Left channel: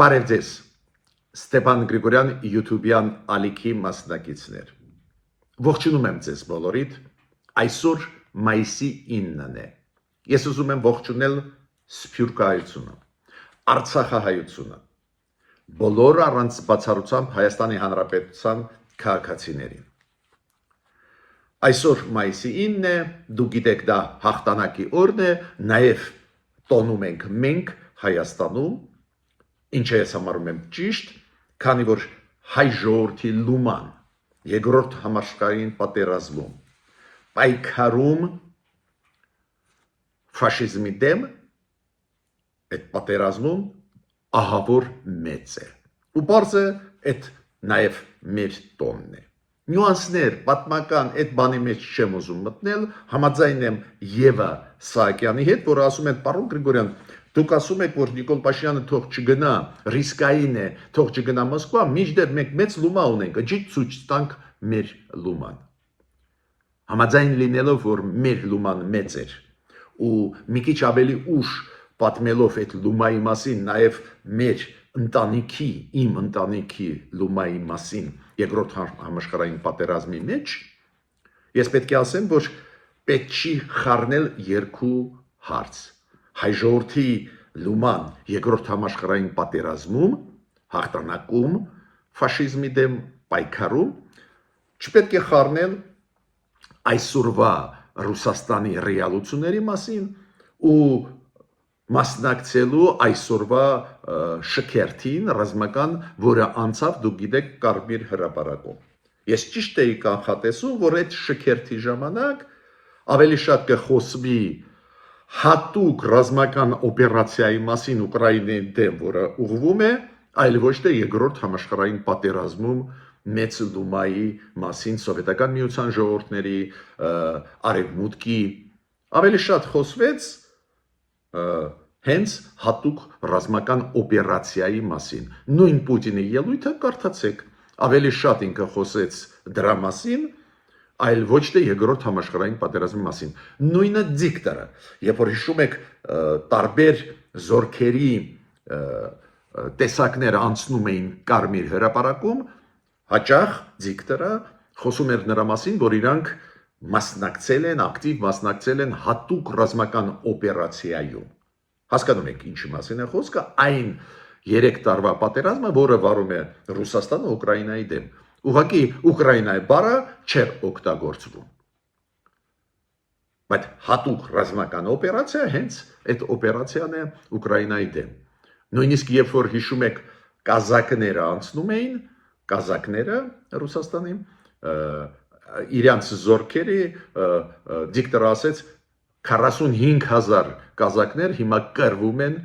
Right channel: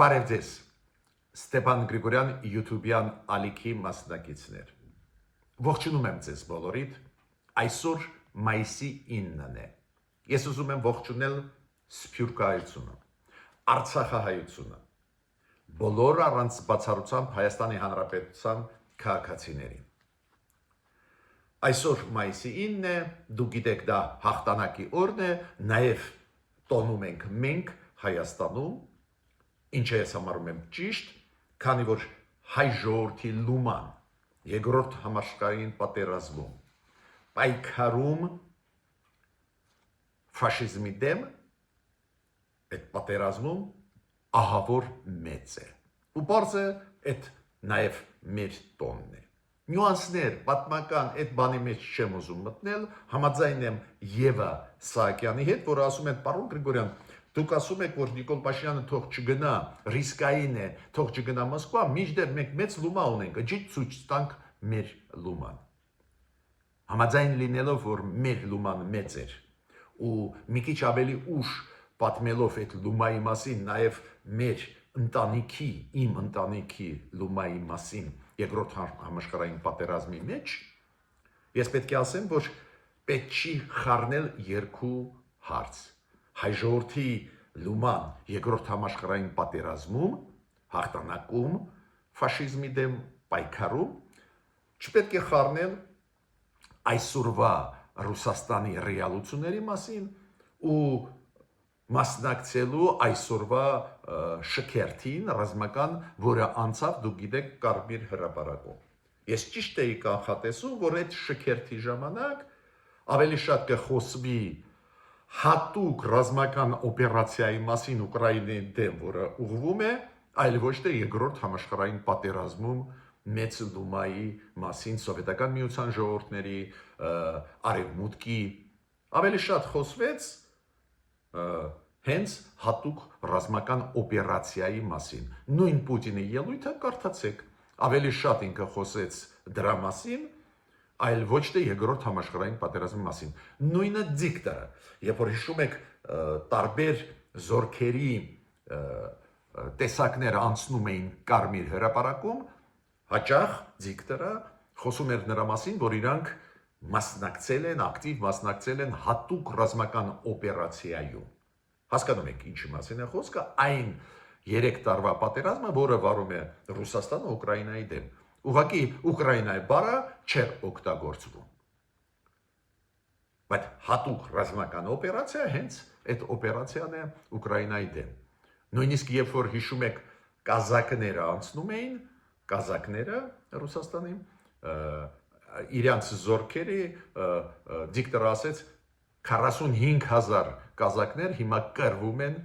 Բարև ձեզ, Ստեփան Գրիգորյան YouTube-յան ալիքի մասնակիցներ։ Ողջունում եմ ձեզ բոլորիդ, այսօր մայիսի 9-ն է։ Ես ուզում եմ ողջունել Սփյուռքահայությունը, Արցախահայությունը, բոլոր առանց բացառությամբ Հայաստանի Հանրապետության քաղաքացիներին։ Այսօր մայիսի 9-ն է, դուք գիտեք դա հաղթանակի օրն է, նաև տոնում ենք մենք Հայաստանում, ինչը ես համարում եմ ճիշտ, քանի որ հայ ժողովրդի լուման երկրորդ համաշխարհային պատերազմում պայքարում ֆաշիզմի դեմ այդ պատերազմում ահավոր մեծ է ու բարձ է այդ նաև մեր տոնն է նյուանսներ պատմական այդ բանի մեջ չեմ ուզում մտնել համաձայն եմ Եվա Սահակյանի հետ որ ասում են պարոն Գրիգորյան դուք ասում եք որ Նիկոլ Փաշինյանը թող չգնա ռիսկային է թող չգնա Մոսկվա մինչդեռ մենք մեծ լումա ունենք ջի ցույց տանք մեր լուման համաձայն լինելով որ մեր լուման մեծ էր ու մի քիչ ավելի ուշ պատմելով այդ լումայի մասին նաև մեր ընտանիքի իմ ընտանիքի լումայի մասին երկրորդ համաշխարհային պատերազմի մեջ ես պետք է ասեմ որ պետք չի խառնել երկու հարց հայ ժողովրդի լուման երկրորդ համաշխարհային պատերազմում հաղթանակում ֆաշիզմի դեմ պայքարում չպետք է խառնել այսօրվա Ռուսաստանի ռեալությունների մասին ու մասնակցելու այսօրվա շքերթին ռազմական, որը անցավ դուք գիտեք Կարմիր հրապարակում։ Ես ճիշտ էի կանխատեսում, որ այդ շքերթի ժամանակ ավելի շատ կխոսվի հատուկ ռազմական օպերացիայի մասին Ուկրաինայի դեմ, որը ուղղվում է, այլ ոչ թե երկրորդ համաշխարհային պատերազմում մեծ լումայի մասին սովետական միության ժողովուրդների արևմուտքի ավելի շատ խոսվեց հենց հատուկ ռազմական օպերացիայի մասին նույն Պուտինի ելույթը կարդացեք ավելի շատ ինքը խոսեց դրա մասին այլ ոչ թե երկրորդ համաշխարհային պատերազմի մասին նույնը դիկտորը երբ որ հիշում եք տարբեր զորքերի տեսակները անցնում էին Կարմիր հրապարակում հաճախ դիկտորը խոսում էր նրա մասին որ իրանք մասնակցել են ակտիվ մասնակցել են հատուկ ռազմական օպերացիայում հասկանում եք ինչի մասին է խոսքը այն 3 տարվա պատերազմը որը վարում է Ռուսաստանը Ուկրաինայի դեմ ուղղակի Ուկրաինայի բառը չէր օգտագործվում բայց հատուկ ռազմական օպերացիա հենց այդ օպերացիան է Ուկրաինայի դեմ նույնիսկ երբ որ հիշում եք կազակները անցնում էին կազակները Ռուսաստանի իրանց զորքերի դիկտորը ասեց 45000 կազակներ հիմա կռվում են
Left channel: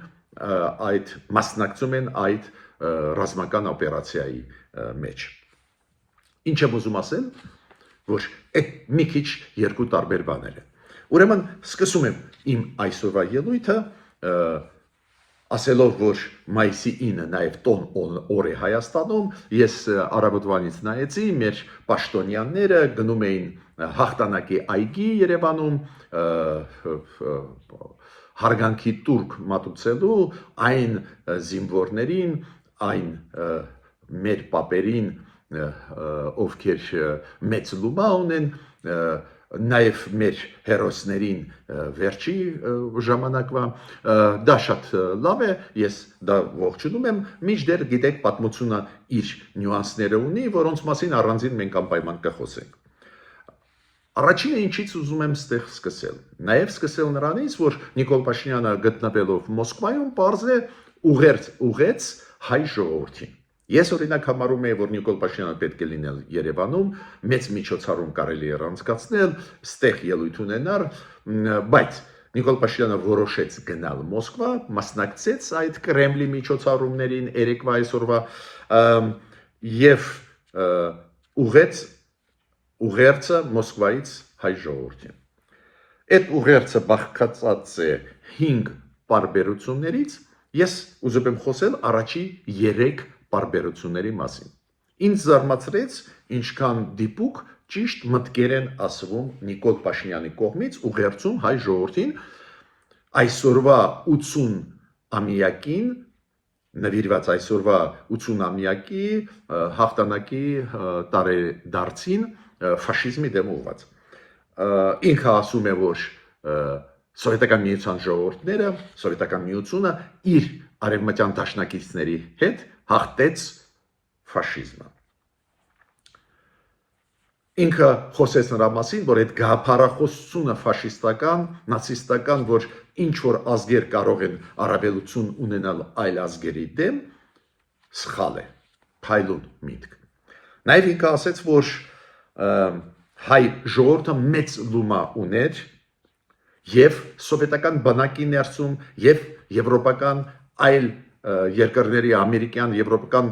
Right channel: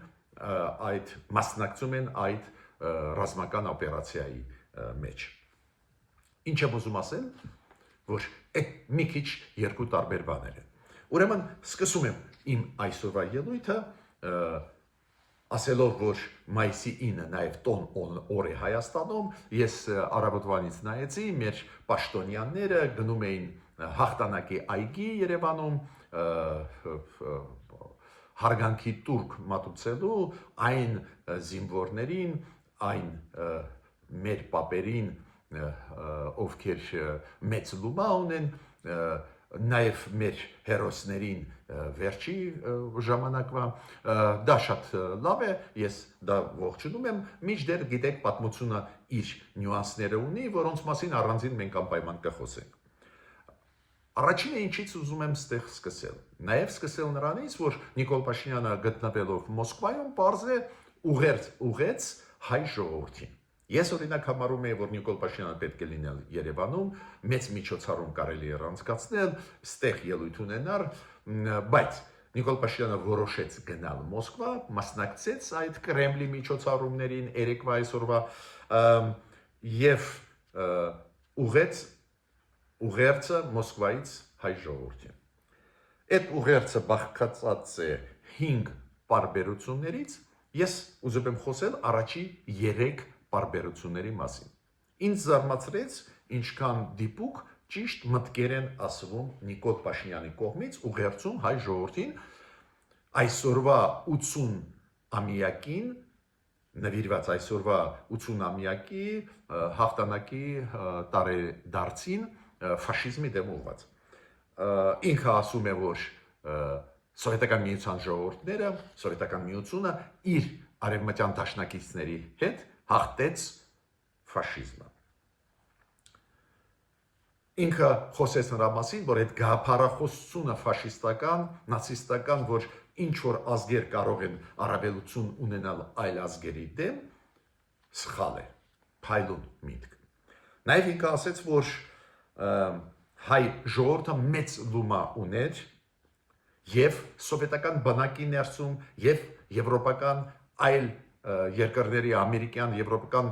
այդ մասնակցում են այդ ռազմական օպերացիայի մեջ ինչ եմ ուզում ասել որ այդ մի քիչ երկու տարբեր բաներ են ուրեմն սկսում եմ իմ այսօրվա ելույթը ասելով որ մայիսի 9-ը նաև տոն օր է Հայաստանում ես առավոտվանից նայեցի մեր պաշտոնյաները գնում էին հաղթանակի այգի Երևանում հարգանքի տուրք մատուցելու այն զինվորներին այն մեր պապերին ովքեր մեծ լումա ունեն նաև մեր հերոսներին վերջի ժամանակվա դա շատ լավ է ես դա ողջունում եմ մինչդեռ գիտեք պատմությունը իր նյուանսները ունի որոնց մասին առանձին մենք անպայման կխոսենք Առաջինը ինչից ուզում եմ ստեղ սկսել նաև սկսել նրանից որ Նիկոլ Փաշինյանը գտնվելով Մոսկվայում պարզ է ուղեց հայ ժողովրդին Ես օրինակ համարում եմ որ Նիկոլ Փաշինյանը պետք է լինել Երևանում մեծ միջոցառում կարելի է անցկացնել ստեղ ելույթ ունենալ բայց Նիկոլ Փաշինյանը որոշեց գնալ Մոսկվա մասնակցեց այդ Կրեմլի միջոցառումներին երեկվա այսօրվա եւ ուղերձը Մոսկվայից հայ ժողովրդին Այդ ուղերձը բաղկացած է 5 պարբերություններից ես ուզում եմ խոսել առաջի 3 պարբերությունների մասին ինձ զարմացրեց ինչքան դիպուկ ճիշտ մտքեր են ասվում Նիկոլ Փաշինյանի կողմից ուղերձում հայ ժողովրդին այսօրվա 80 ամյակին նվիրված այսօրվա 80-ամյակի հաղթանակի տարեդարձին ֆաշիզմի դեմ ուղղված։ Ինքը ասում է, որ Սովետական միության ժողովուրդները, Սովետական միությունը իր արևմտյան դաշնակիցների հետ հաղթեց ֆաշիզմը։ Ինքը խոսեց նրա մասին, որ այդ գաղափարախոսությունը ֆաշիստական, նացիստական, որ ինչ որ ազգեր կարող են առավելություն ունենալ այլ ազգերի դեմ, սխալ է, փայլուն միտք։ Նաև ինքը ասեց, որ հայ ժողովուրդը մեծ լումա ուներ եւ սովետական բանակի ներսում եւ եվրոպական այլ երկրների, ամերիկյան, եվրոպական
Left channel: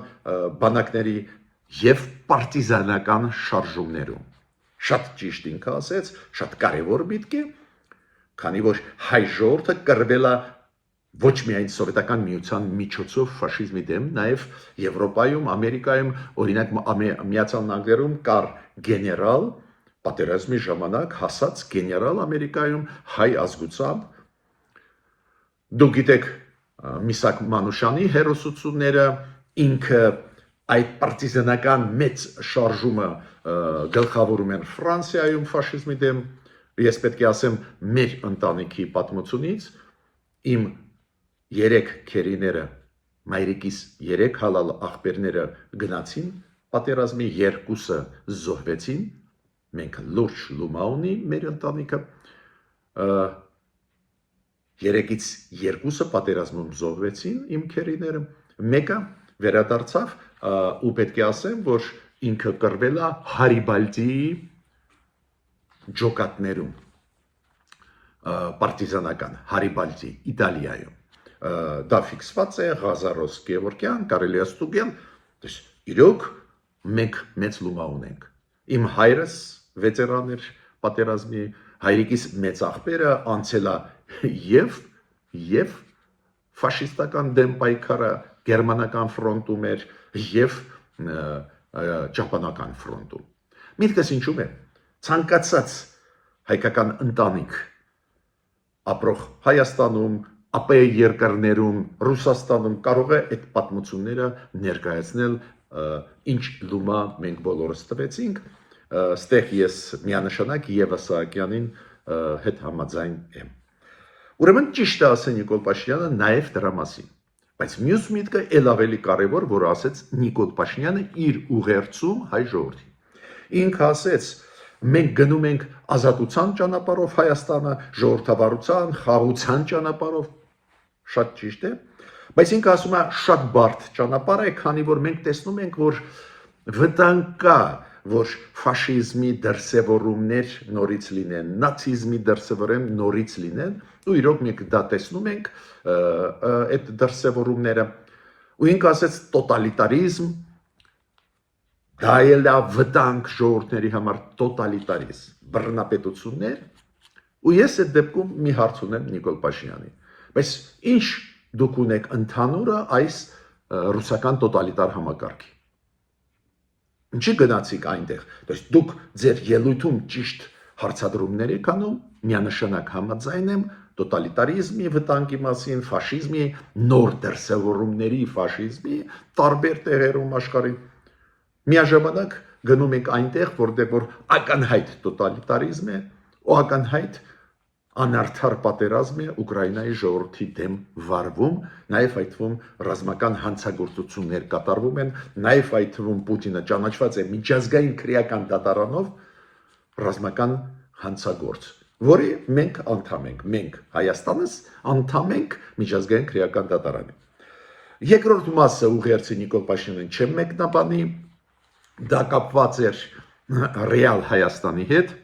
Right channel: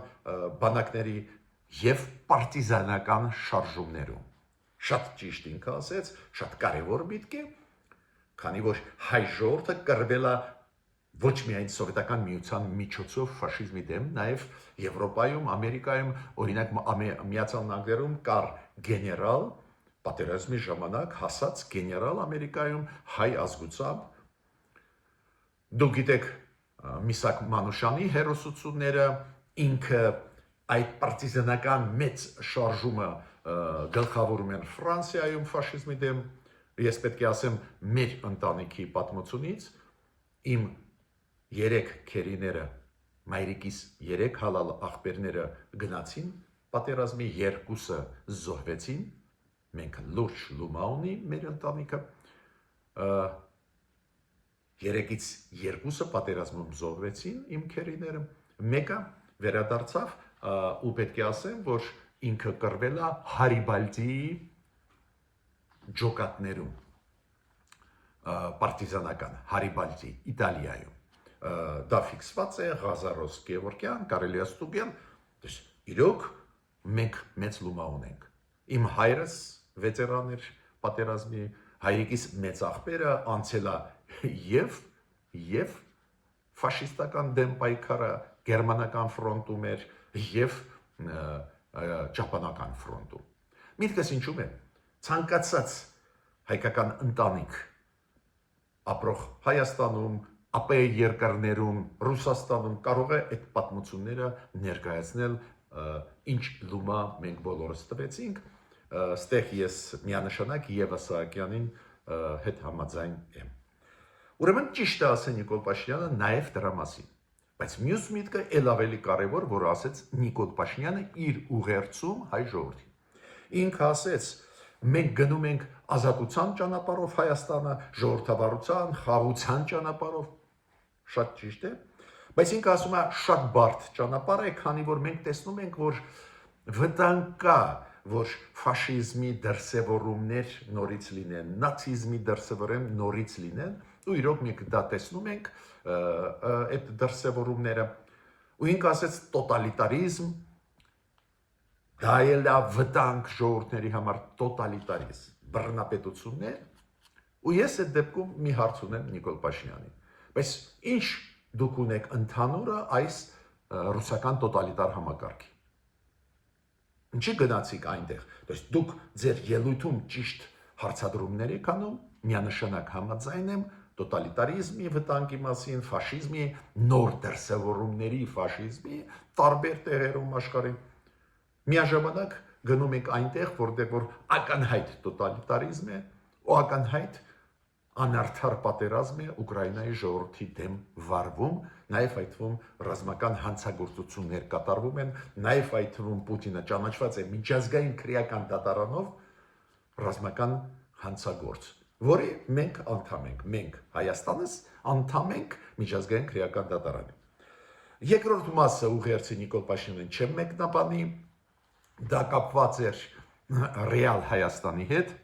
բանակների եւ պարտիզանական շարժումներում։ Շատ ճիշտ ինքը ասեց, շատ կարևոր միտք է, քանի որ հայ ժողովուրդը կռվել է ոչ միայն սովետական միության միջոցով ֆաշիզմի դեմ, նաև Եվրոպայում, Ամերիկայում, օրինակ Միացյալ Նահանգներում կար գեներալ, պատերազմի ժամանակ հասած գեներալ Ամերիկայում հայ ազգությամբ։ Դուք գիտեք Միսակ Մանուշյանի հերոսությունները, ինքը այդ պարտիզանական մեծ շարժումը գլխավորում են Ֆրանսիայում ֆաշիզմի դեմ։ Ես պետք է ասեմ մեր ընտանիքի պատմությունից իմ 3 քերիները, մայրիկիս 3 հալալ աղբերները գնացին պատերազմի, 2-ը զոհվեցին, մենք լուրջ լումա ունի մեր ընտանիքը, 3-ից 2-ը պատերազմում զոհվեցին իմ քերիները, մեկը վերադարձավ ու պետք է ասեմ, որ ինքը կռվել է Հարիբալդիի ջոկատներում, պարտիզանական Հարիբալդի, Իտալիայում։ Դա ֆիքսված է Ղազարոս Գևորգյան, կարելի է ստուգել, իրոք մենք մեծ լումա ունենք։ Իմ հայրս վետերան էր պատերազմի, հայրիկիս մեծ աղբերը անցել է եւ ֆաշիստական դեմ պայքարը գերմանական ֆրոնտում էր եւ ճապոնական ֆրոնտում։ Միտքս ինչու՞մ է։ Ցանկացած հայկական ընտանիք ապրող Հայաստանում, ԱՊ երկրներում, Ռուսաստանում կարող է այդ պատմությունները ներկայացնել, ինչ լումա մենք բոլորս տվեցինք, ստեղ ես միանշանակ Եվա Սահակյանին հետ համաձայն եմ։ Ուրեմն ճիշտ է ասել Նիկոլ Փաշինյանը նաև դրա մասին, բայց մյուս միտքը ել ավելի կարևոր, որ ասեց Նիկոլ Փաշինյանը իր ուղերձում հայ ժողովրդին։ Ինքը ասեց, մենք գնում ենք ազատության ճանապարհով Հայաստանը, ժողովրդավարության, խաղաղության ճանապարհով, շատ ճիշտ է, բայց ինքը ասում է շատ բարդ ճանապարհ է, քանի որ մենք տեսնում ենք, որ վտանգ կա, որ ֆաշիզմի դրսևորումներ նորից լինեն, նացիզմի դրսևորում նորից լինեն, ու իրոք մենք դա տեսնում ենք այդ դրսևորումները, ու ինքը ասեց տոտալիտարիզմ, դա էլ է վտանգ ժողովուրդների համար տոտալիտարիզմ, բռնապետություններ, ու ես այդ դեպքում մի հարց ունեմ Նիկոլ Փաշինյանին, բայց ինչ դուք ունեք ընդհանուրը այս ռուսական տոտալիտար համակարգի։ Ինչի գնացիք այնտեղ, դուք ձեր ելույթում ճիշտ հարցադրումներ եք անում, միանշանակ համաձայն եմ տոտալիտարիզմի վտանգի մասին, ֆաշիզմի նոր դրսևորումների, ֆաշիզմի տարբեր տեղերում աշխարհի։ Միաժամանակ գնում ենք այնտեղ, որտեղ որ ակնհայտ տոտալիտարիզմ է, ու ակնհայտ անարդար պատերազմ է Ուկրաինայի ժողովրդի դեմ վարվում, նաև այդ թվում ռազմական հանցագործություններ կատարվում են, նաև այդ թվում Պուտինը ճանաչված է միջազգային քրեական դատարանով ռազմական հանցագործ, որի մենք անդամ ենք, մենք Հայաստանս անդամ ենք միջազգային քրեական դատարանի։ Երկրորդ մասը ուղերձի Նիկոլ Փաշինյանին չեմ մեկնաբանի, դա կապված էր ռեալ Հայաստանի հետ,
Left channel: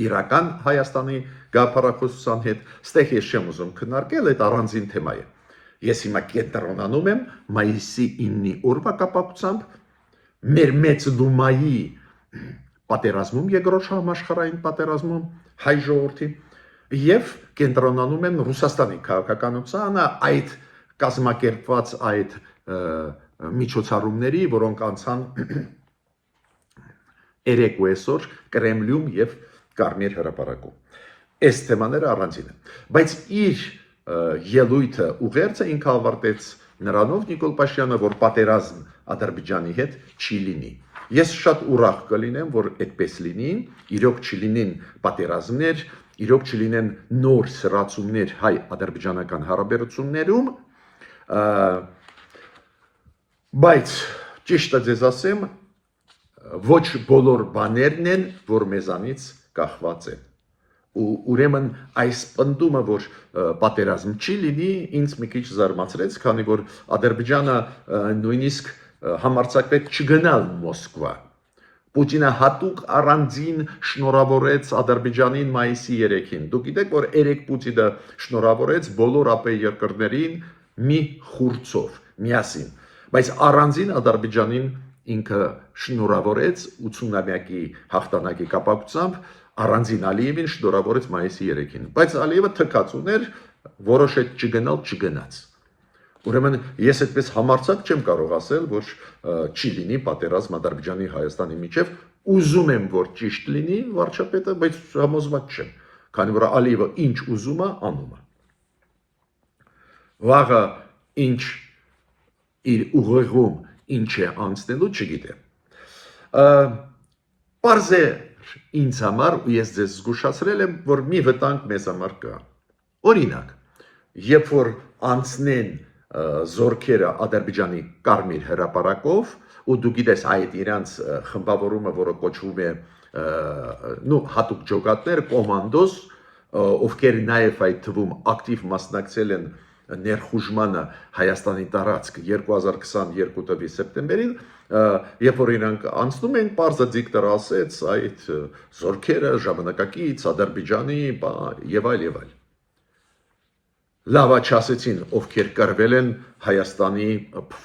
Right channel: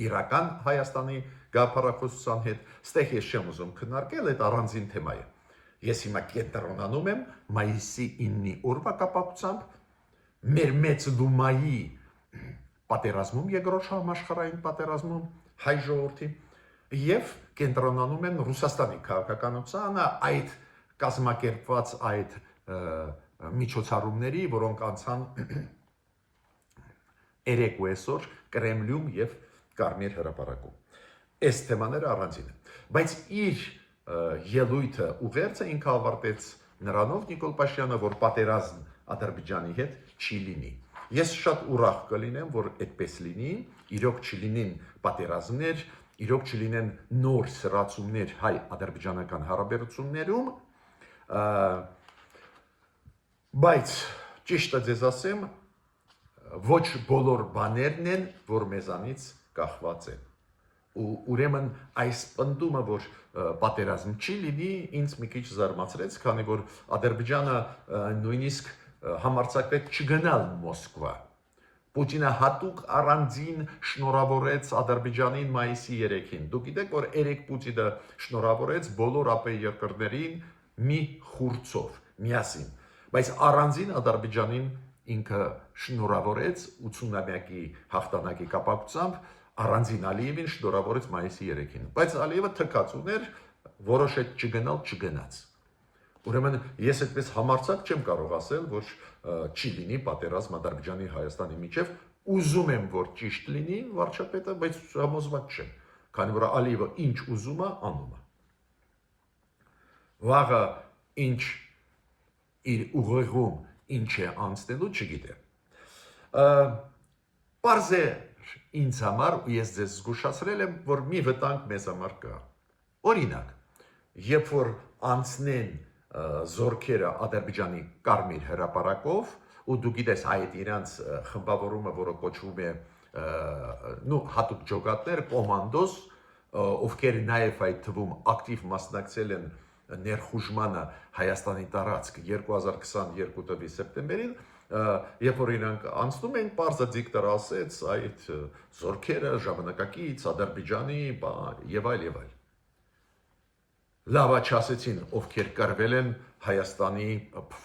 իրական Հայաստանի գաղափարախոսության հետ, ստեղ ես չեմ ուզում քննարկել, այդ առանձին թեմա է։ Ես հիմա կենտրոնանում եմ մայիսի 9-ի օրվա կապակցությամբ մեր մեծ լումայի պատերազմում, երկրորդ համաշխարհային պատերազմում հայ ժողովրդի եւ կենտրոնանում եմ Ռուսաստանի քաղաքականությանը, այդ կազմակերպված այդ միջոցառումների, որոնք անցան 3 այսօր Կրեմլյում եւ Կարմիր հրապարակում։ Այս թեմաները առանձին են, բայց իր ելույթը ուղերձը ինքը ավարտեց նրանով Նիկոլ Փաշինյանը, որ պատերազմ Ադրբեջանի հետ չի լինի։ Ես շատ ուրախ կլինեմ, որ այդպես լինի, իրոք չլինեն պատերազմներ, իրոք չլինեն նոր սրացումներ հայ-ադրբեջանական հարաբերություններում, բայց ճիշտը ձեզ ասեմ, ոչ բոլոր բաներն են, որ մեզանից կախված են։ Ու ուրեմն այս պնդումը, որ պատերազմ չի լինի, ինձ մի քիչ զարմացրեց, քանի որ Ադրբեջանը նույնիսկ համարձակվեց չգնալ Մոսկվա։ Պուտինը հատուկ առանձին շնորհավորեց Ադրբեջանին մայիսի 3-ին։ Դուք գիտեք, որ երեք Պուտինը շնորհավորեց բոլոր ԱՊ երկրներին մի խուրձով, միասին։ Բայց առանձին Ադրբեջանին ինքը շնորհավորեց 80-ամյակի հաղթանակի կապակցությամբ, առանձին Ալիևին շնորհավորեց մայիսի 3-ին։ Բայց Ալիևը թքած ուներ, որոշեց չգնալ, չգնաց։ Ուրեմն ես այդպես համարձակ չեմ կարող ասել, որ չի լինի պատերազմ Ադրբեջանի Հայաստանի միջև, ուզում եմ, որ ճիշտ լինի վարչապետը, բայց համոզված չեմ, քանի որ Ալիևը ինչ ուզում է, անում է։ Վաղը ինչ իր ուղեղում ինչ է անցնելու, չգիտեմ։ Պարզ է ինձ համար, ու ես ձեզ զգուշացրել եմ, որ մի վտանգ մեզ համար կա։ Օրինակ, երբ որ անցնեն զորքերը Ադրբեջանի Կարմիր հրապարակով, ու դու գիտես այդ իրանց խմբավորումը, որը կոչվում է հատուկ ջոկատներ, կոմանդոս, ովքեր նաև այդ թվում ակտիվ մասնակցել են ներխուժմանը Հայաստանի տարածք 2022 թվականի սեպտեմբերին, երբ որ իրանք անցնում են, պարզը դիկտորը ասեց, այդ զորքերը ժամանակակից Ադրբեջանի եւ այլ։ Լավ չասեցին, ովքեր կռվել են Հայաստանի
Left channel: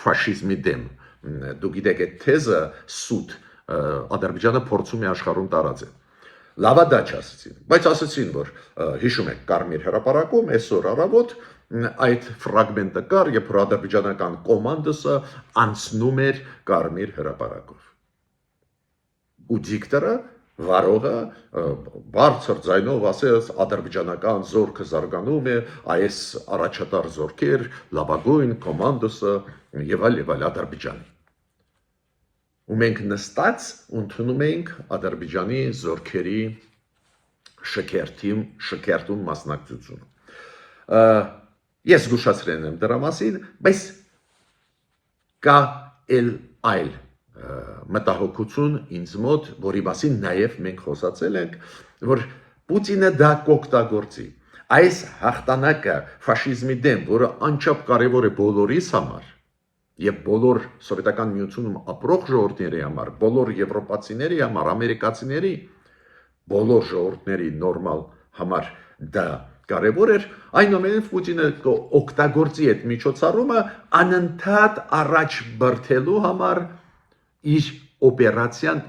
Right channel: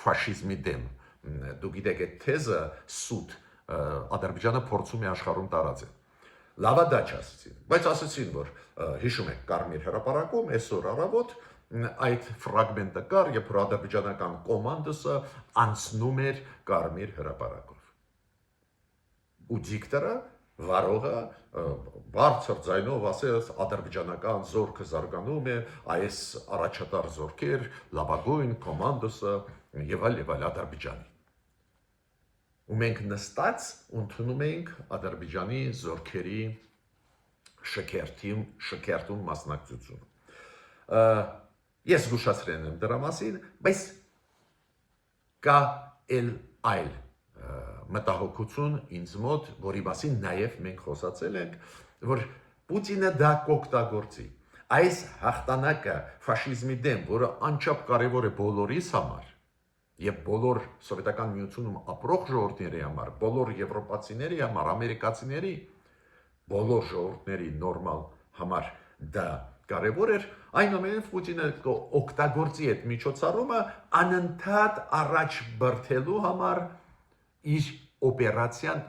ֆաշիզմի դեմ։ Դուք գիտեք, այդ թեզը սուտ Ադրբեջանը փորձում է աշխարհում տարածել։ Լավա դա չասեցին, բայց ասեցին, որ հիշում եք Կարմիր հրապարակում այսօր առավոտ այդ ֆրագմենտը կար, երբ որ ադրբեջանական կոմանդոսը անցնում էր Կարմիր հրապարակով։ Ու դիկտորը վարողը բարձր ձայնով ասեց ադրբեջանական զորքը զարգանում է, այս առաջատար զորքեր, լավագույն կոմանդոսը եւ այլ Ադրբեջանի։ Ու մենք նստած ընդունում ենք Ադրբեջանի զորքերի շքերթում մասնակցությունը։ Ես զգուշացրել եմ դրա մասին, բայց կա այլ մտահոգություն ինձ մոտ, որի մասին նաև մենք խոսացել ենք, որ Պուտինը դա կօգտագործի։ Այս հաղթանակը ֆաշիզմի դեմ, որը անչափ կարևոր է բոլորիս համար, եւ բոլոր սովետական միությունում ապրող ժողովուրդների համար, բոլոր եվրոպացիների համար, ամերիկացիների, բոլոր ժողովուրդների նորմալ համար դա կարևոր էր, այնուամենայնիվ Պուտինը օգտագործի այդ միջոցառումը անընդհատ առաջ բրթելու համար իր օպերացիան,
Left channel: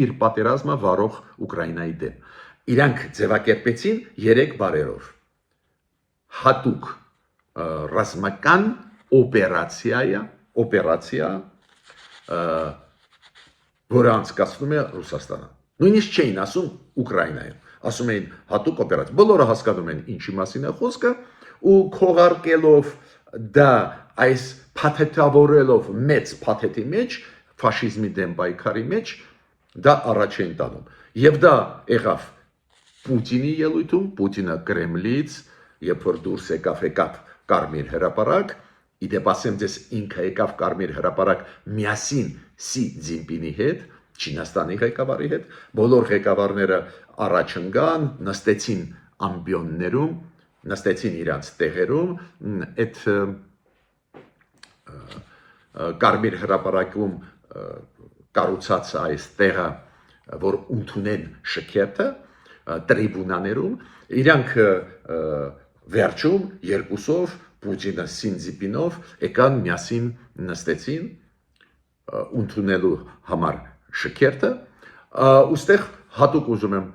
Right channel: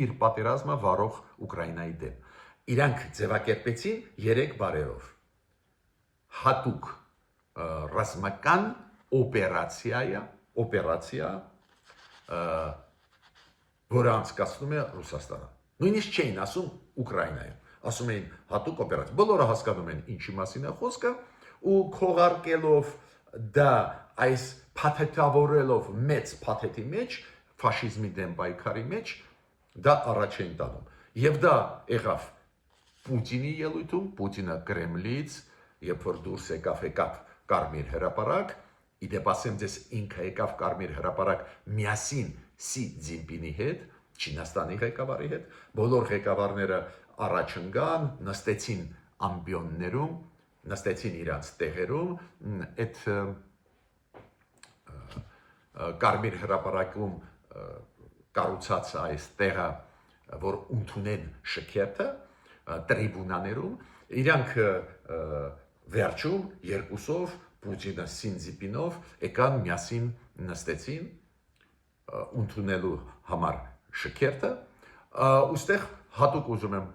իր պատերազմը վարող Ուկրաինայի դեմ։ Իրանք ձևակերպեցին 3 բարերով։ Հատուկ ռազմական օպերացիա, որը անցկացնում է Ռուսաստանը։ Նույնիսկ չէին ասում Ուկրաինայում, ասում էին հատուկ օպերացիա։ Բոլորը հասկանում են ինչի մասին է խոսքը, ու քողարկելով դա այս փաթեթավորելով մեծ փաթեթի մեջ, ֆաշիզմի դեմ պայքարի մեջ, դա առաջ են տանում։ Եվ դա եղավ Պուտինի ելույթում, Պուտինը Կրեմլից, երբ որ դուրս եկավ Կարմիր հրապարակ, իդեպ ասեմ ձեզ ինքը եկավ Կարմիր հրապարակ միասին Սի Ցզինպինի հետ, Չինաստանի ղեկավարի հետ, բոլոր ղեկավարները առաջ ընկան, նստեցին ամբիոններում, նստեցին իրանց տեղերում, այդ Կարմիր հրապարակում կառուցած այս տեղը, որ ընդունեն շքերթը, տրիբունաներում, իրանք վերջում երկուսով Պուտինը Սինձիպինով եկան միասին նստեցին ընդունելու համար շքերթը, ուստեղ հատուկ ուզում եմ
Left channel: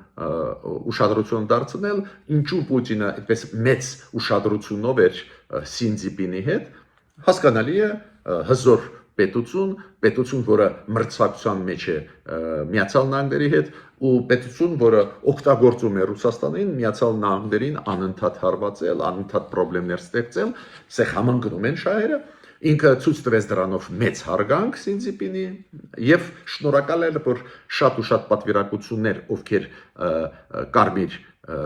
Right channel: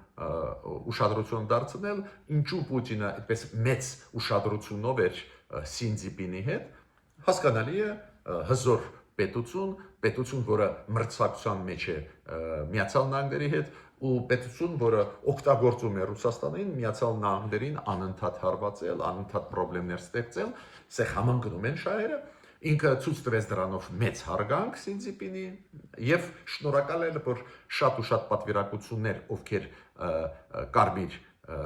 ուշադրություն դարձնել, ինչու Պուտինը այդպես մեծ ուշադրությունով էր Սինձիպինի հետ, հասկանալի է հզոր պետություն, որը մրցակցության մեջ է Միացյալ Նահանգների հետ, ու պետություն, որը օգտագործում է Ռուսաստանին, Միացյալ Նահանգներին անընդհատ հարվածել, անընդհատ խնդիրներ ստեղծել, սա համընկնում են շահերը, Ինքը ցույց տվեց դրանով մեծ հարգանք Սինձիպինի եւ շնորհակալ էր, որ շատ ու շատ պատվիրակություններ, ովքեր կարմիր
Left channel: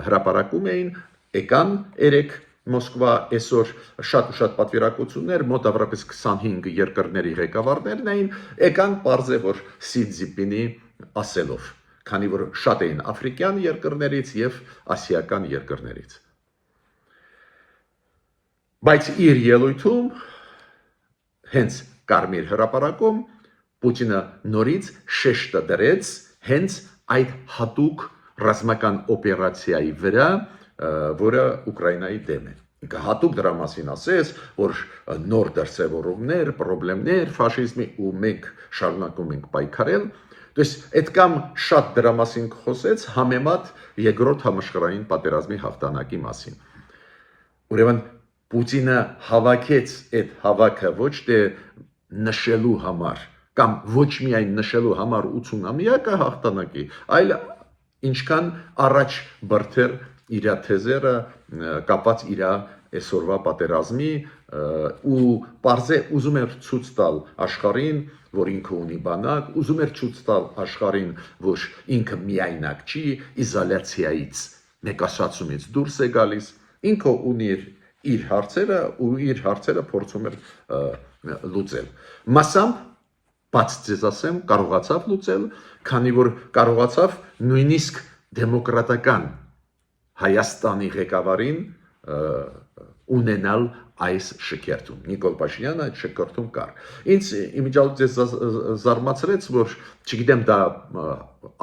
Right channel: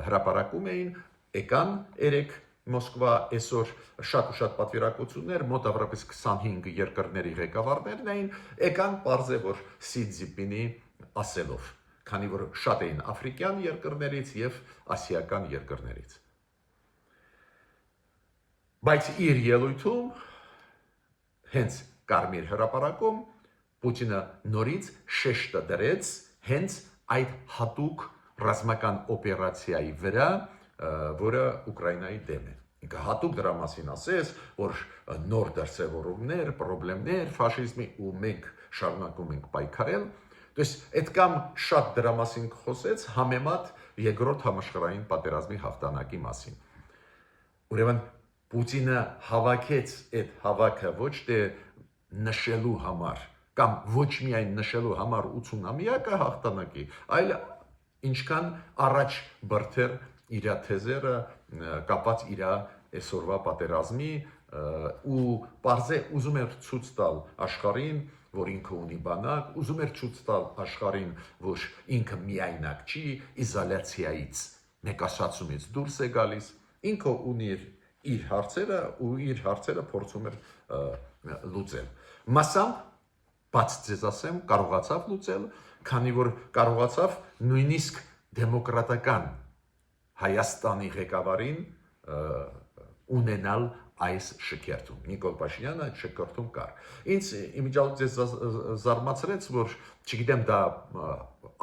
հրապարակում էին, եկան երեք Մոսկվա այսօր շատ ու շատ պատվիրակություններ, մոտավորապես 25 երկրների ղեկավարներն էին, եկան բարձր որ Սինձիպինի ասելով, քանի որ շատ էին աֆրիկյան երկրներից եւ ասիական երկրներից։ Բայց իր ելույթում հենց կարմիր հրապարակում Պուտինը նորից շեշտը դրեց հենց այդ հատուկ ռազմական օպերացիայի վրա, որը Ուկրաինայի դեմ է։ Ինքը հատուկ դրա մասին ասեց, որ նոր դրսևորումներ, խնդիրներ ֆաշիզմի ու մենք շարունակում ենք պայքարել։ Դες այդ կամ շատ դրա մասին խոսեց համեմատ երկրորդ համաշխարհային պատերազմի հաղթանակի մասին։ Ուրեմն Պուտինը հավաքեց այդ հավաքը ոչ թե նշելու համար կամ ոչ միայն նշելու համար 80-ամյակը հաղթանակի, այլ ինչքան առաջ բրթեր իր թեզերը կապած իր այսօրվա պատերազմի ու բարձե ուզում էր ցույց տալ աշխարհին, որ ինքը ունի բանակ, ուզում էր ցույց տալ աշխարհին, որ ինքը միայնակ չի, իզոլյացիայից, մեկասացումից դուրս է գալիս, ինքը ունի իր հարցերը ու իր հարցերը փորձում էր լուծել։ Մասամբ բաց ձեզ ասեմ, կարողացավ լուծել, քանի որ կարողացավ նույնիսկ դեմոկրատական Հայաստանի ղեկավարին ունենալ այս շքերթում։ Նիկոլ Փաշինյանը այդ շքերթում կար։ Ինձ իմիջիալmente զարմացրեց, որ չգիտեմ դա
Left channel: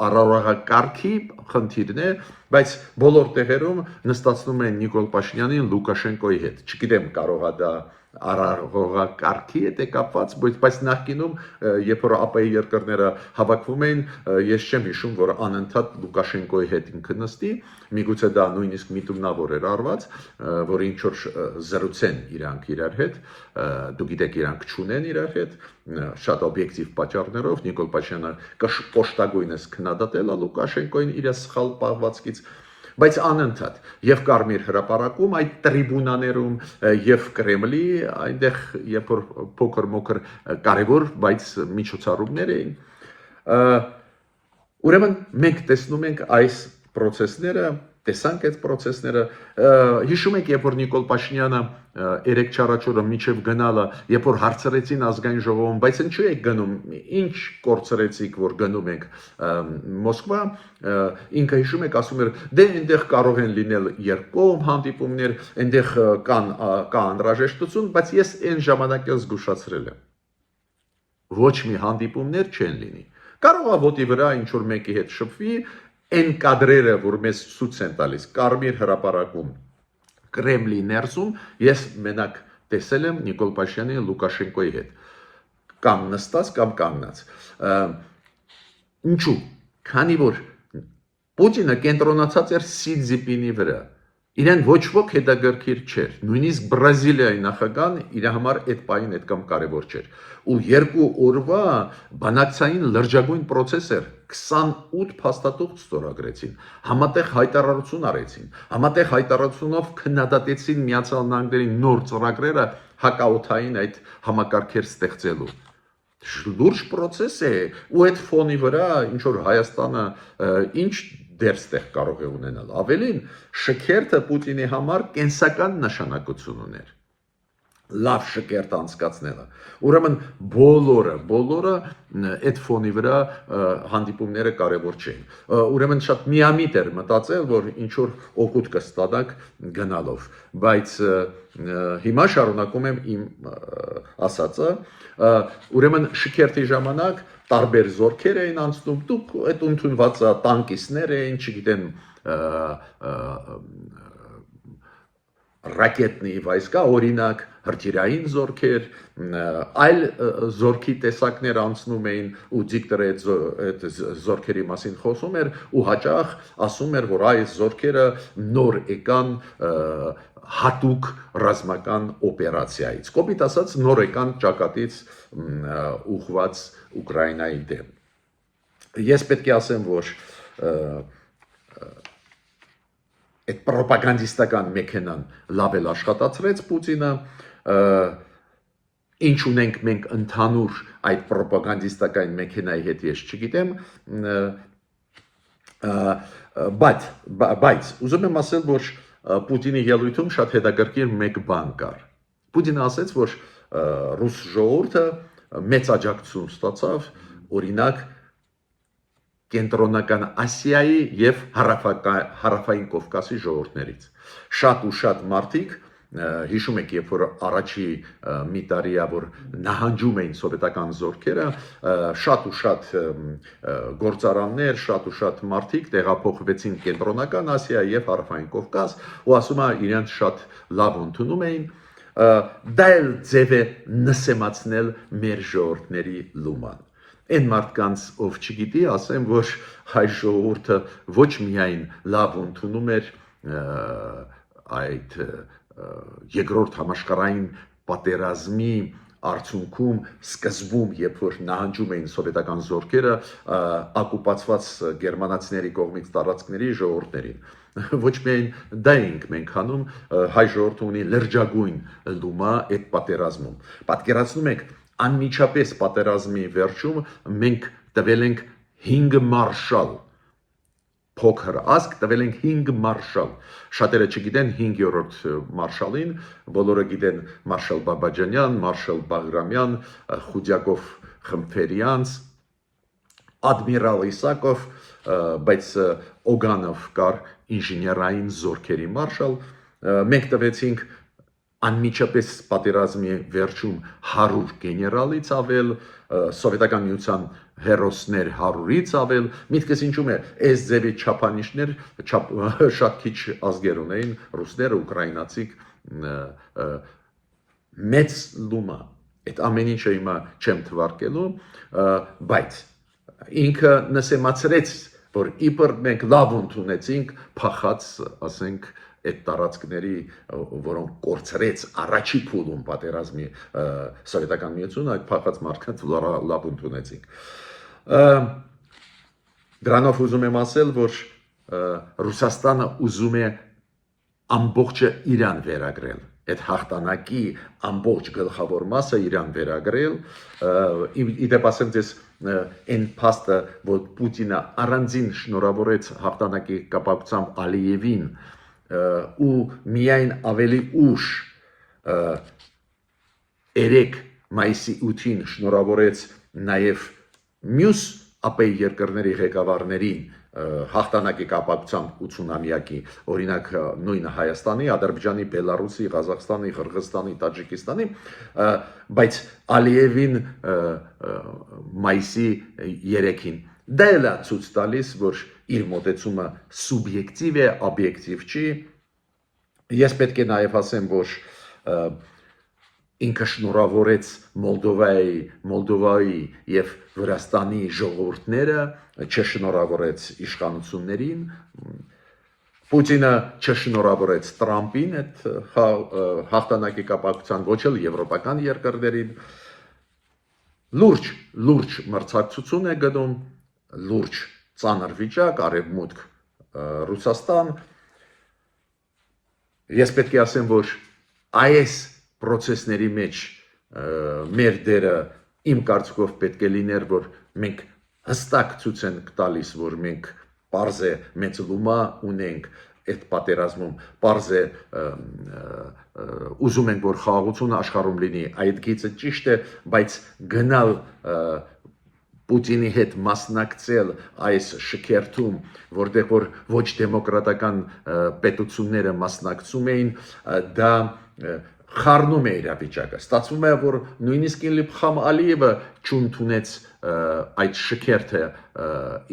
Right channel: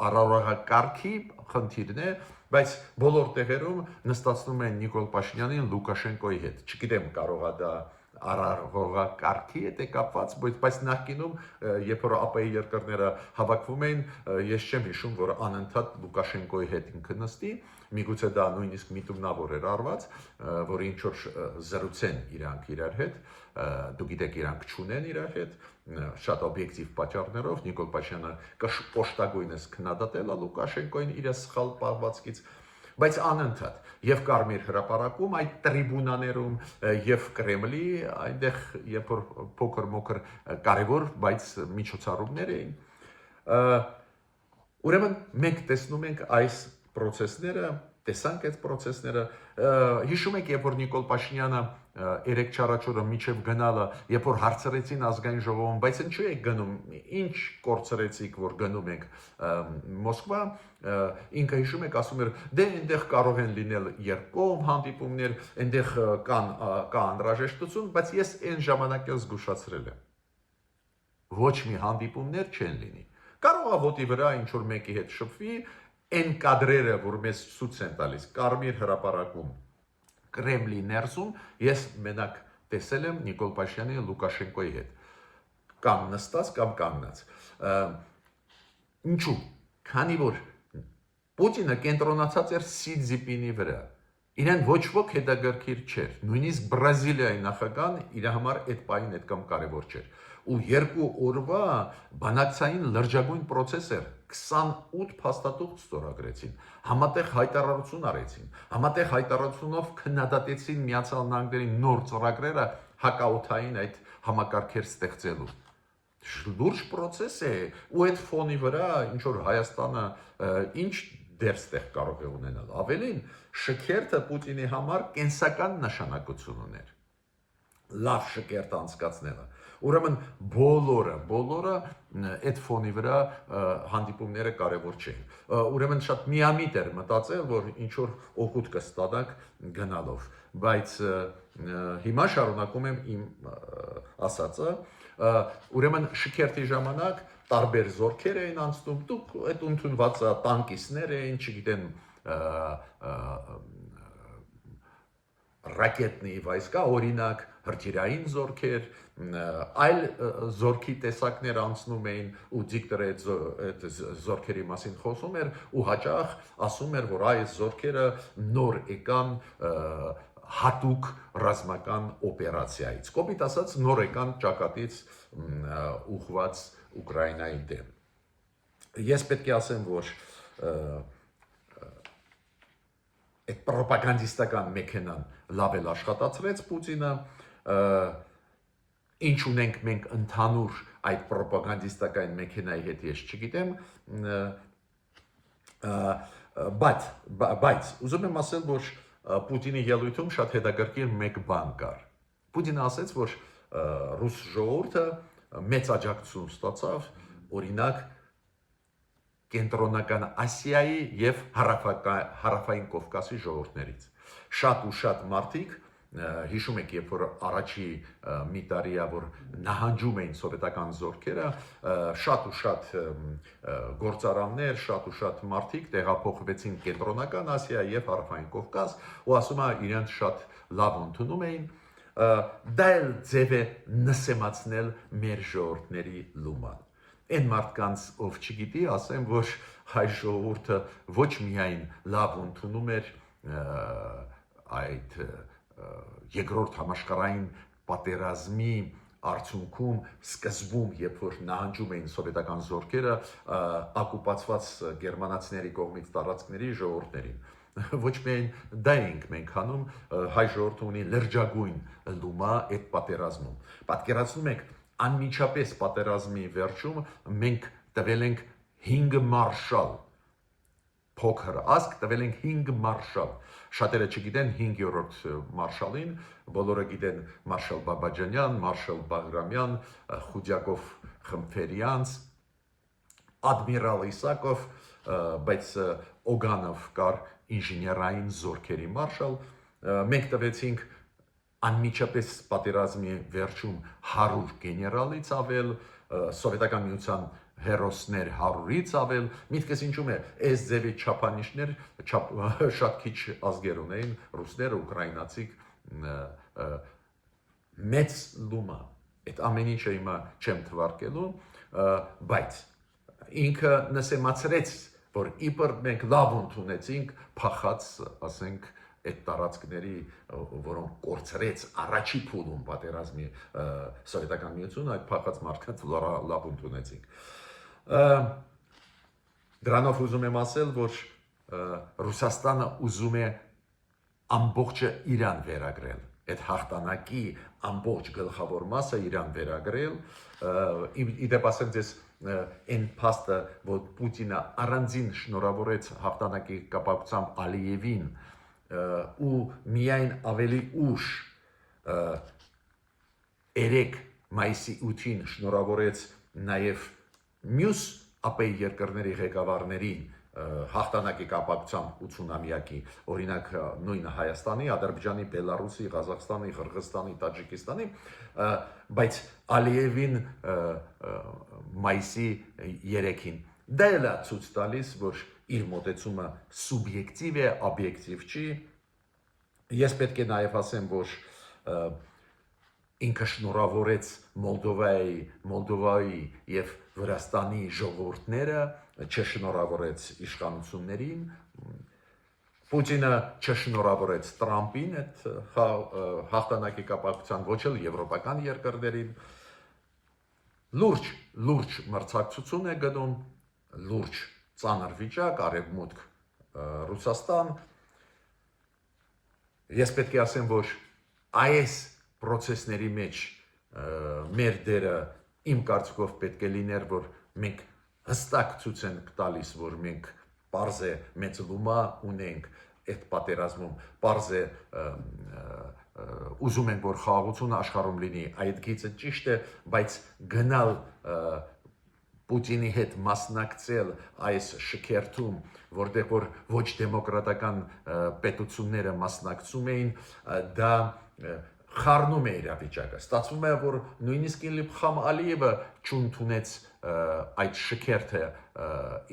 առօրյակարգի խնդիրն է, բայց բոլոր տեղերում նստացնում են Նիկոլ Փաշինյանին Լուկաշենկոյի հետ։ Չգիտեմ կարող է դա առօրյակարգի հետ է կապված, բայց նախկինում երբ որ ԱՊ-ի երկրները հավաքվում էին, ես չեմ հիշում, որ անընդհատ Լուկաշենկոյի հետ ինքը նստի, միգուցե դա նույնիսկ միտումնավոր էր արված, որ ինչ որ զրուցեն իրանք իրար հետ, դու գիտեք իրանք չունեն իրար հետ, շատ օբյեկտիվ պատճառներով Նիկոլ Փաշինյանը կոշտագույնս քննադատել է Լուկաշենկոյին իր սխալ պահվածքից, բայց անընդհատ եւ Կարմիր հրապարակում այդ տրիբունաներում եւ Կրեմլի այնտեղ երբ որ փոքր-մոքր կարևոր, բայց միջոցառումներ էին ուրեմն մենք տեսնում ենք այս procesները, տեսանք այդ procesները, հիշում եք, երբ որ Նիկոլ Փաշինյանը երեք չարաչորը միջև գնալը, երբ որ հարցրեցին ազգային ժողովում, բայց ինչու եք գնում, ինչ կորցրեցիք, որ գնում եք Մոսկվա, ինքը հիշում եք, ասում էր, դե այնտեղ կարող են լինել երկկողմ հանդիպումներ, այնտեղ կա անհրաժեշտություն, բայց ես այն ժամանակ էլ զգուշացրել եմ։ Ոչ մի հանդիպումներ չեն լինի։ Կարող է ոտի վրա ինչ որ մեկի հետ շփվի, այն կադրերը, որ մեզ ցույց են տալիս Կարմիր հրապարակում Կրեմլի ներսում, ես մենակ տեսել եմ Նիկոլ Փաշինյանի Լուկաշենկոյի հետ, կամ նստած, կամ կանգնած։ Ինչու՞։ Քանի որ Պուտինը կենտրոնացած էր Սի Ցզինպինի վրա, իրեն ոչ ոք հետաքրքիր չէր, նույնիսկ Բրազիլիայի նախագահան իր համար այդ պահին այդքան կարևոր չէր։ Ու երկու օրվա բանակցային լրջագույն process էր, 28 փաստաթուղթ ստորագրեցին, համատեղ հայտարարություն արեցին, համատեղ հայտարարությունով քննադատեցին Միացյալ Նահանգների նոր ծրագրերը հակաօդային այդ համակարգեր ստեղծելու։ Լուրջ process է, ու այդ ֆոնի վրա ինչ որ Հայաստանը ինչ դերստեղ կարող է ունենալ։ Ավելին, շքերթը Պուտինի համար կենսական նշանակություն ուներ։ Լավ շքերթ անցկացնելը։ Ուրեմն բոլորը այդ ֆոնի վրա հանդիպումները կարևոր չէին։ Ուրեմն շատ միամիտ էր մտածել, որ ինչ որ օգուտ կստանաք գնալով, բայց հիմա շարունակում եմ իմ ասածը, ուրեմն շքերթի ժամանակ տարբեր զորքեր էին անցնում, դուք այդ ընդունված տանկիստներ էին, չգիտեմ, ռակետնի վայսկա, օրինակ, հրթիռային զորքեր, այլ զորքի տեսակներ անցնում էին ու դիկտորը այդ զորքերի մասին խոսում էր ու հաճախ ասում էր, որ այս զորքերը նոր եկան հատուկ ռազմական օպերացիայից։ Կոպիտ ասած նոր եկան ճակատից ուղղված Ուկրաինայի դեմ։ Ես պետք է ասեմ, որ այդ պրոպագանդիստական մեքենան լավ էլ աշխատացրեց Պուտինը, ինչ ունենք մենք ընդհանուր այդ ռոպագանդիստական մեքենայի հետ ես չգիտեմ, բայց ուզում եմ ասել, որ Պուտինի ելույթում շատ հետաքրքիր մեկ բան կար։ Պուտինը ասաց, որ ռուս ժողովուրդը մեծ աջակցություն ստացավ, օրինակ Կենտրոնական Ասիայի եւ Հարավային Կովկասի ժողովուրդներից։ Շատ ու շատ մարդիկ հիշում եք, երբ որ առաջի մի տարիա որ նահանջում էին սովետական զորքերը, շատ ու շատ գործարաններ, շատ ու շատ մարդիկ տեղափոխվեցին Կենտրոնական Ասիա եւ Հարավային Կովկաս, ու ասում է իրենց շատ լավ ընդունում էին, դա էլ ձև է նսեմացնել մեր ժողովուրդների լուման։ Այն մարդկանց, ով չգիտի, ասեմ, որ հայ ժողովուրդը ոչ միայն լավ ընդունում էր այդ երկրորդ համաշխարհային պատերազմի արդյունքում սկզբում, երբ որ նահանջում էին սովետական զորքերը օկուպացված գերմանացիների կողմից տարածքների ժողովուրդներին, ոչ միայն դա ենք մենք անում, հայ ժողովուրդը ունի լրջագույն լումա այդ պատերազմում։ Պատկերացնում եք, անմիջապես պատերազմի վերջում մենք տվել ենք 5 մարշալ, փոքր ազգ տվել ենք 5 մարշալ։ Շատերը չգիտեն 5-րդ մարշալին, բոլորը գիտեն մարշալ Բաբաջանյան, մարշալ Բաղրամյան, Խուդյակով Խմփերյանց, Ադմիրալ Իսակով, բայց Օգանով կար ինժեներային զորքերի մարշալ, մենք տվեցինք անմիջապես պատերազմի վերջում 100 գեներալից ավել, սովետական միության հերոսներ 100-ից ավել, միտքս ինչում է, այս ձևի չափանիշներ շատ քիչ ազգեր ունեին, ռուսները, ուկրաինացիք, մեծ լումա, այդ ամեն ինչը հիմա չեմ թվարկելու, բայց ինքը նսեմացրեց, որ իբր մենք լավ ընդունեցինք փախած, ասենք, այդ տարածքների, որոնք կորցրեց առաջի փուլում պատերազմի սովետական միությունը, այդ փախած մարդկանց լավ ընդունեցինք։ Դրանով ուզում եմ ասել, որ Ռուսաստանը ուզում է ամբողջը Իրան վերագրել, այդ հաղթանակի ամբողջ գլխավոր մասը Իրան վերագրել, իդեպ ասեմ ձեզ այն փաստը, որ Պուտինը առանձին շնորհավորեց հաղթանակի կապակցությամբ Ալիևին ու միայն ավելի ուշ 3 մայիսի 8-ին շնորհավորեց նաև մյուս ԱՊ երկրների ղեկավարներին հաղթանակի կապակցությամբ 80-ամյակի, օրինակ նույնը Հայաստանի, Ադրբեջանի, Բելարուսի, Ղազախստանի, Қырғызստանի, Տաջիկստանի, բայց Ալիևին մայիսի 3-ին դա էլ է ցույց տալիս, որ իր մոտեցումը սուբյեկտիվ է, օբյեկտիվ չի։ Ես պետք է նաև ասեմ, որ ինքը շնորհավորեց Մոլդովայի եւ Վրաստանի ժողովուրդները, չշնորհավորեց իշխանություններին, Պուտինը չշնորհավորեց Տրամպին այդ հաղթանակի կապակցությամբ, ոչ էլ եվրոպական երկրներին, լուրջ մրցակցություն է գնում, լուրջ ծանր վիճակ, արևմուտք Ռուսաստան։ Ես պետք է ասեմ, որ այս procesների մեջ մեր դերը իմ կարծիքով պետք է լիներ, որ մենք հստակ ցույց ենք տալիս, որ մենք պարզ է մեծ լումա ունենք այդ պատերազմում, պարզ է ուզում ենք, որ խաղաղությունը աշխարհում լինի, այդ գիծը ճիշտ է, բայց գնալ Պուտինի հետ մասնակցել այս շքերթում, որտեղ որ ոչ դեմոկրատական պետությունները մասնակցում էին, դա խառնում է իրավիճակը։ Ստացվում է, որ նույնիսկ Իլհամ Ալիևը չընդունեց այդ շքերթը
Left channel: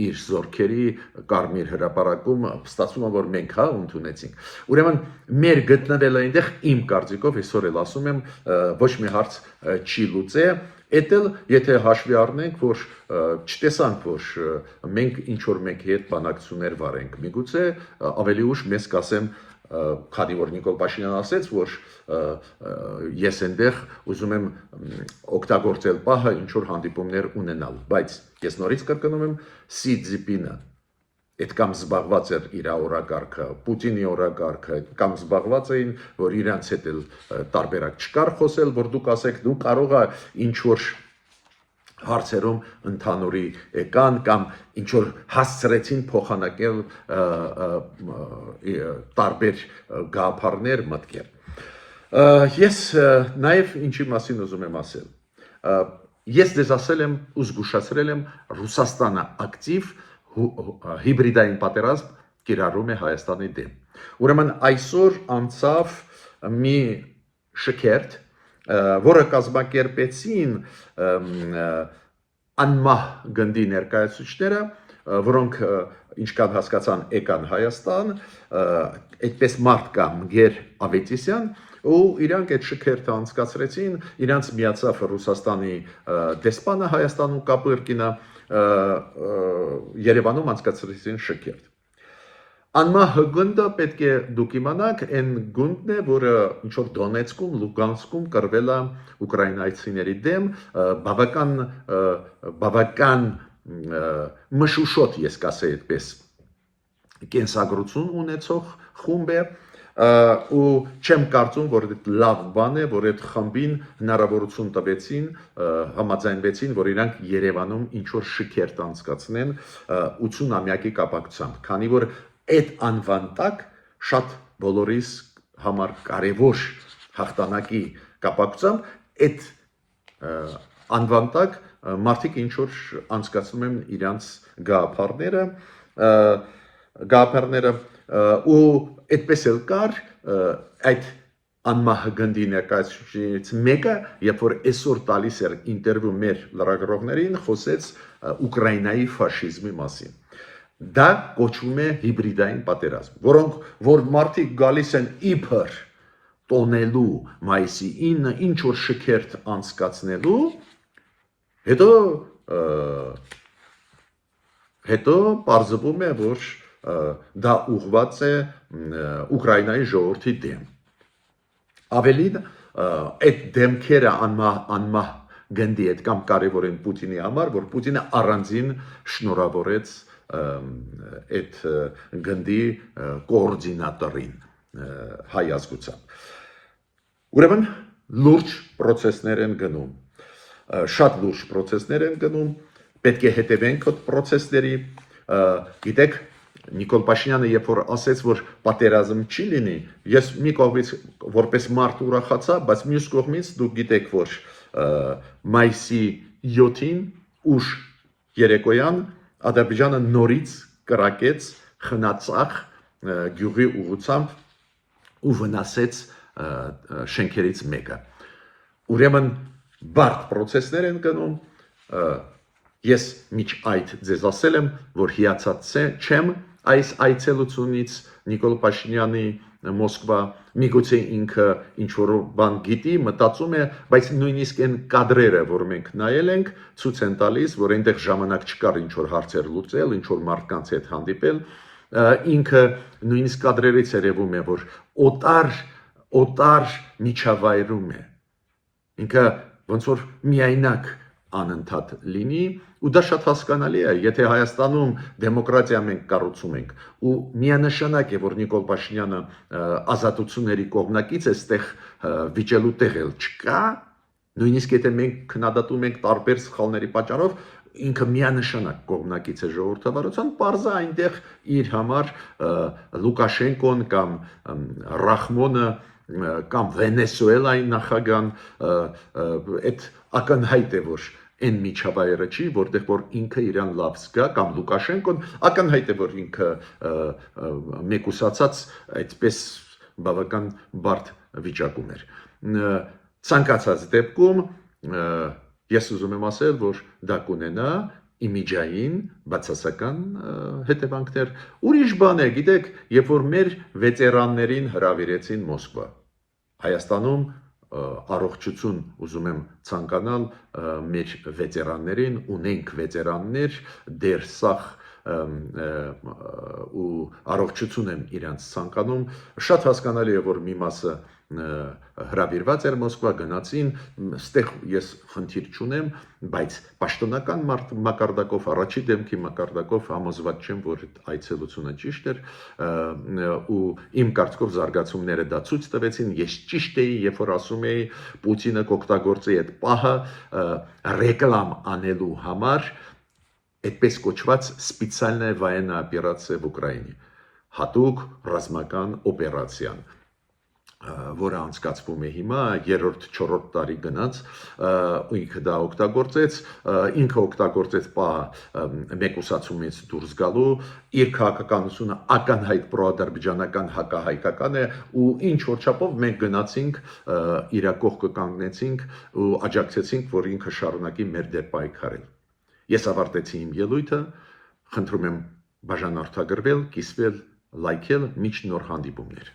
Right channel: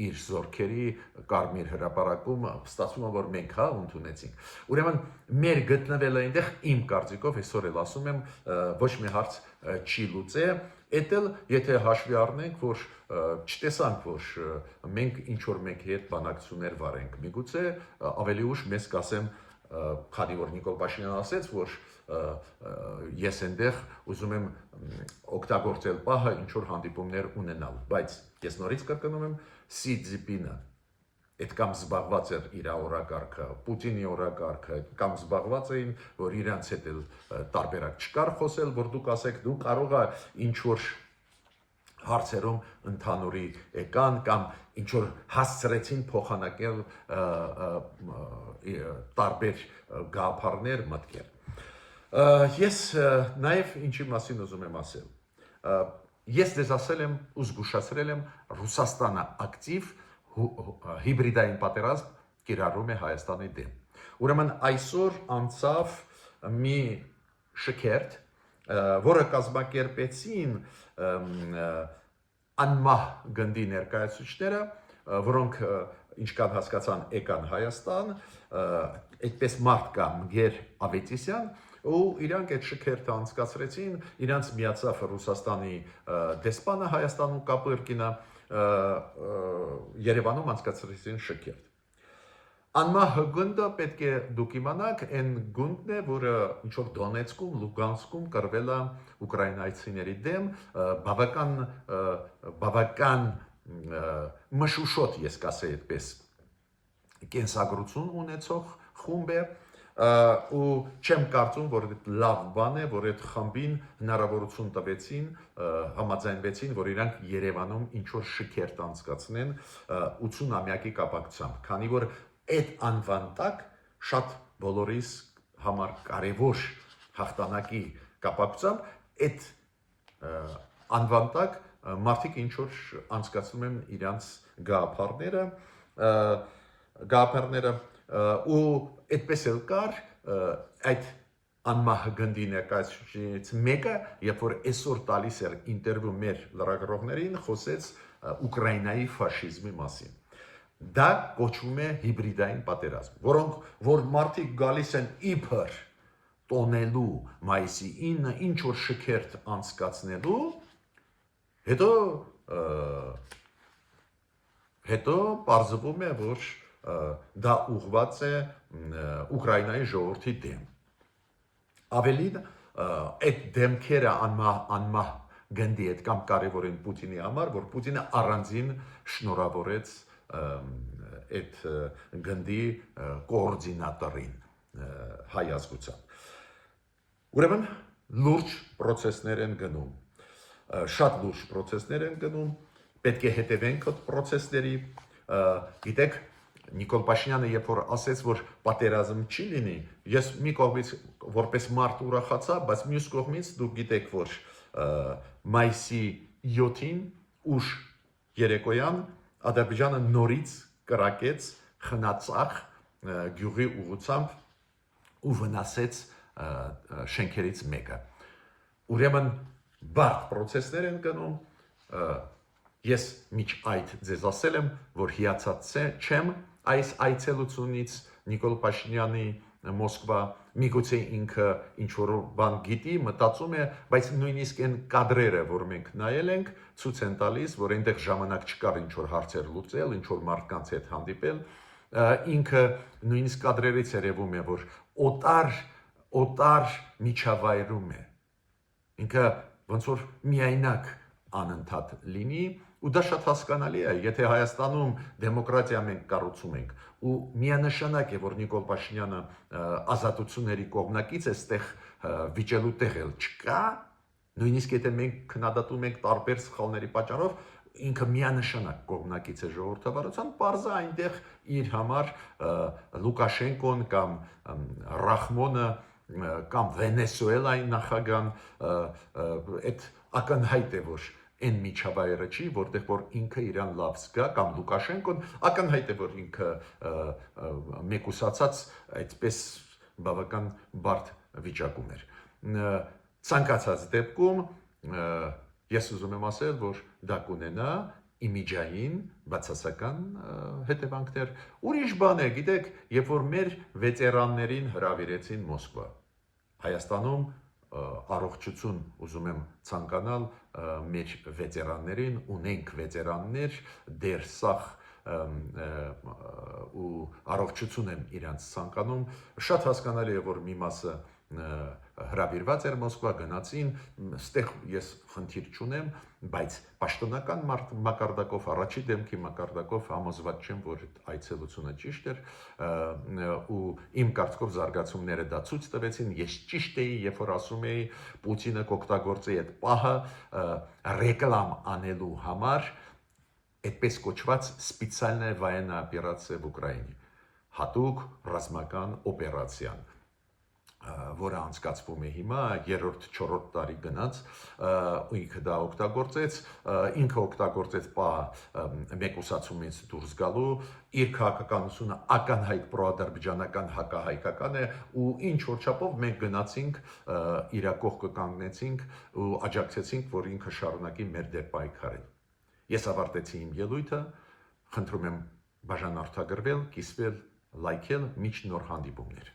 իր զորքերի Կարմիր հրապարակում, ստացվում է, որ մենք ընդունեցինք։ Ուրեմն մեր գտնվելը այնտեղ իմ կարծիքով այսօր էլ ասում եմ, ոչ մի հարց չի լուծե, Էդել, եթե հաշվի առնենք, որ չտեսանք, որ մենք ինչ-որ մեկի հետ բանակցություններ վարենք, միգուցե ավելի ուշ մեզ կասեմ, քանի որ Նիկոլ Փաշինյանը ասեց, որ ես այնտեղ ուզում եմ օգտագործել պահը ինչ-որ հանդիպումներ ունենալ, բայց ես նորից կրկնում եմ, Սի Ցզինպինը Այդ կամ զբաղված էր իր օրակարգը, Պուտինի օրակարգը, կամ զբաղված էին, որ իրանց հետ էլ տարբերակ չկար խոսել, որ դուք ասեք, դու կարող է ինչ որ հարցերում ընդհանուրի եկան կամ ինչ որ հասցրեցին փոխանակել տարբեր գաղափարներ, մտքեր։ Ես նաև ինչի մասին ուզում եմ ասել։ Ես դες ասել եմ ու զգուշացրել եմ Ռուսաստանը ակտիվ հիբրիդային պատերազմ կիրառում է Հայաստանի դեմ։ Ուրեմն այսօր անցավ մի շքերթ, որը կազմակերպեցին անմահ գնդի ներկայացուցիչները, որոնք ինչքան հասկացան եկան Հայաստան, այդպես մարդ կա Մգեր Ավետիսյան, ու իրանք այդ շքերթը անցկացրեցին, իրանք միացավ Ռուսաստանի դեսպանը Հայաստանում Կապուրկինը, Երևանում անցկացրեցին շքերթ։ Անմահ գունդը պետք է դուք իմանաք, այն գունդն է, որը ինչ որ Դոնեցկում, Լուգանսկում կրվել է ուկրաինացիների դեմ, բավական մշուշոտ, ես կասեի այդպես, կենսագրություն ունեցող խումբ է, ու չեմ կարծում, որ լավ բան է, որ այդ խմբին հնարավորություն տվեցին, համաձայնվեցին, որ իրանք Երևանում ինչ որ շքերթ անցկացնեն 80-ամյակի կապակցությամբ, քանի որ այդ անվան տակ շատ բոլորիս համար կարևոր հաղթանակի կապակցությամբ այդ անվան տակ մարդիկ ինչ որ անցկացնում են իրանց գաղափարները ու այդպես էլ կար այդ անմահ գնդի ներկայացուցիչներից մեկը, երբ որ այսօր տալիս էր ինտերվյու մեր լրագրողներին, խոսեց Ուկրաինայի ֆաշիզմի մասին։ Դա կոչվում է հիբրիդային պատերազմ, որ մարդիկ գալիս են իբր տոնելու մայիսի 9-ը ինչ որ շքերթ անցկացնելու, հետո պարզվում է, որ դա ուղղված է Ուկրաինայի ժողովրդի դեմ։ Ավելին, այդ դեմքերը անմահ գնդի հետ կամ կարևոր են Պուտինի համար, որ Պուտինը առանձին շնորհավորեց այդ գնդի կոորդինատորին հայ ազգությամբ։ Ուրեմն լուրջ պրոցեսներ են գնում, շատ լուրջ պրոցեսներ են գնում, պետք է հետևենք այդ պրոցեսների, գիտեք, Նիկոլ Փաշինյանը երբ որ ասեց, որ պատերազմ չի լինի, ես մի կողմից որպես մարդ ուրախացա, բայց մյուս կողմից դուք գիտեք, որ մայիսի 7-ին ուշ երեկոյան Ադրբեջանը նորից կրակեց խնածախ գյուղի ուղղությամբ ու վնասեց շենքերից մեկը։ Ուրեմն բարդ պրոցեսներ են գնում, ես միջ այդ ձեզ ասել եմ, որ հիացած չեմ այս այցելությունից Նիկոլ Փաշինյանի Մոսկվա, միգուցե ինքը ինչ-որ բան գիտի, մտածում է, բայց նույնիսկ այն կադրերը, որ մենք նայել ենք, ցույց են տալիս, որ այնտեղ ժամանակ չկար ինչ-որ հարցեր լուծել, ինչ-որ մարդկանց հետ հանդիպել, ինքը նույնիսկ կադրերից երևում է, որ օտար միջավայրում է, ինքը ոնց որ միայնակ անընդհատ լինի, ու դա շատ հասկանալի է, եթե Հայաստանում դեմոկրատիա մենք կառուցում ենք, ու միանշանակ է, որ Նիկոլ Փաշինյանը ազատությունների կողմնակից է, այստեղ վիճելու տեղ էլ չկա, նույնիսկ եթե մենք քննադատում ենք տարբեր սխալների պատճառով, ինքը միանշանակ կողմնակից է ժողովրդավարության, պարզ է այնտեղ իր համար Լուկաշենկոն կամ Ռախմոնը կամ Վենեսուելայի նախագահան այդ ակնհայտ է, որ այն միջավայրը չի, որտեղ որ ինքը իրան լավ զգա, կամ Լուկաշենկոն ակնհայտ է, որ ինքը մեկուսացած այդպես բավական բարդ վիճակում էր։ Ցանկացած դեպքում ես ուզում եմ ասել, որ դա կունենա իմիջային բացասական հետևանքներ։ Ուրիշ բան է, գիտեք, երբ որ մեր վետերաններին հրավիրեցին Մոսկվա, Հայաստանում առողջություն ուզում եմ ցանկանալ մեր վետերաններին, ունենք վետերաններ, դեր սախ ու առողջություն եմ իրանց ցանկանում, շատ հասկանալի է, որ մի մասը հրավիրված էր Մոսկվա, գնացին, ստեղ ես խնդիր չունեմ, բայց պաշտոնական մակարդակով, առաջի դեմքի մակարդակով համոզված չեմ, որ այդ այցելությունը ճիշտ էր, ու իմ կարծիքով զարգացումները դա ցույց տվեցին, ես ճիշտ էի, երբ որ ասում էի Պուտինը կօգտագործի այդ պահը ռեկլամ անելու համար, այդպես կոչված սպեցիալնայա վայեննա օպերացիա в Ուկրաինի, հատուկ ռազմական օպերացիան, որը անցկացվում է հիմա 3-4 տարի գնաց, ինքը դա օգտագործեց, ինքը օգտագործեց պահը մեկուսացումից դուրս գալու, իր քաղաքականությունը ակնհայտ պրոադրբեջանական հակահայկական է, ու ինչ որ չափով մենք գնացինք իր կողքը կանգնեցինք ու աջակցեցինք, որ ինքը շարունակի մեր դեմ պայքարել։ Ես ավարտեցի իմ ելույթը, խնդրում եմ բաժանորդագրվել, կիսվել, լայքել, մինչ նոր հանդիպումներ։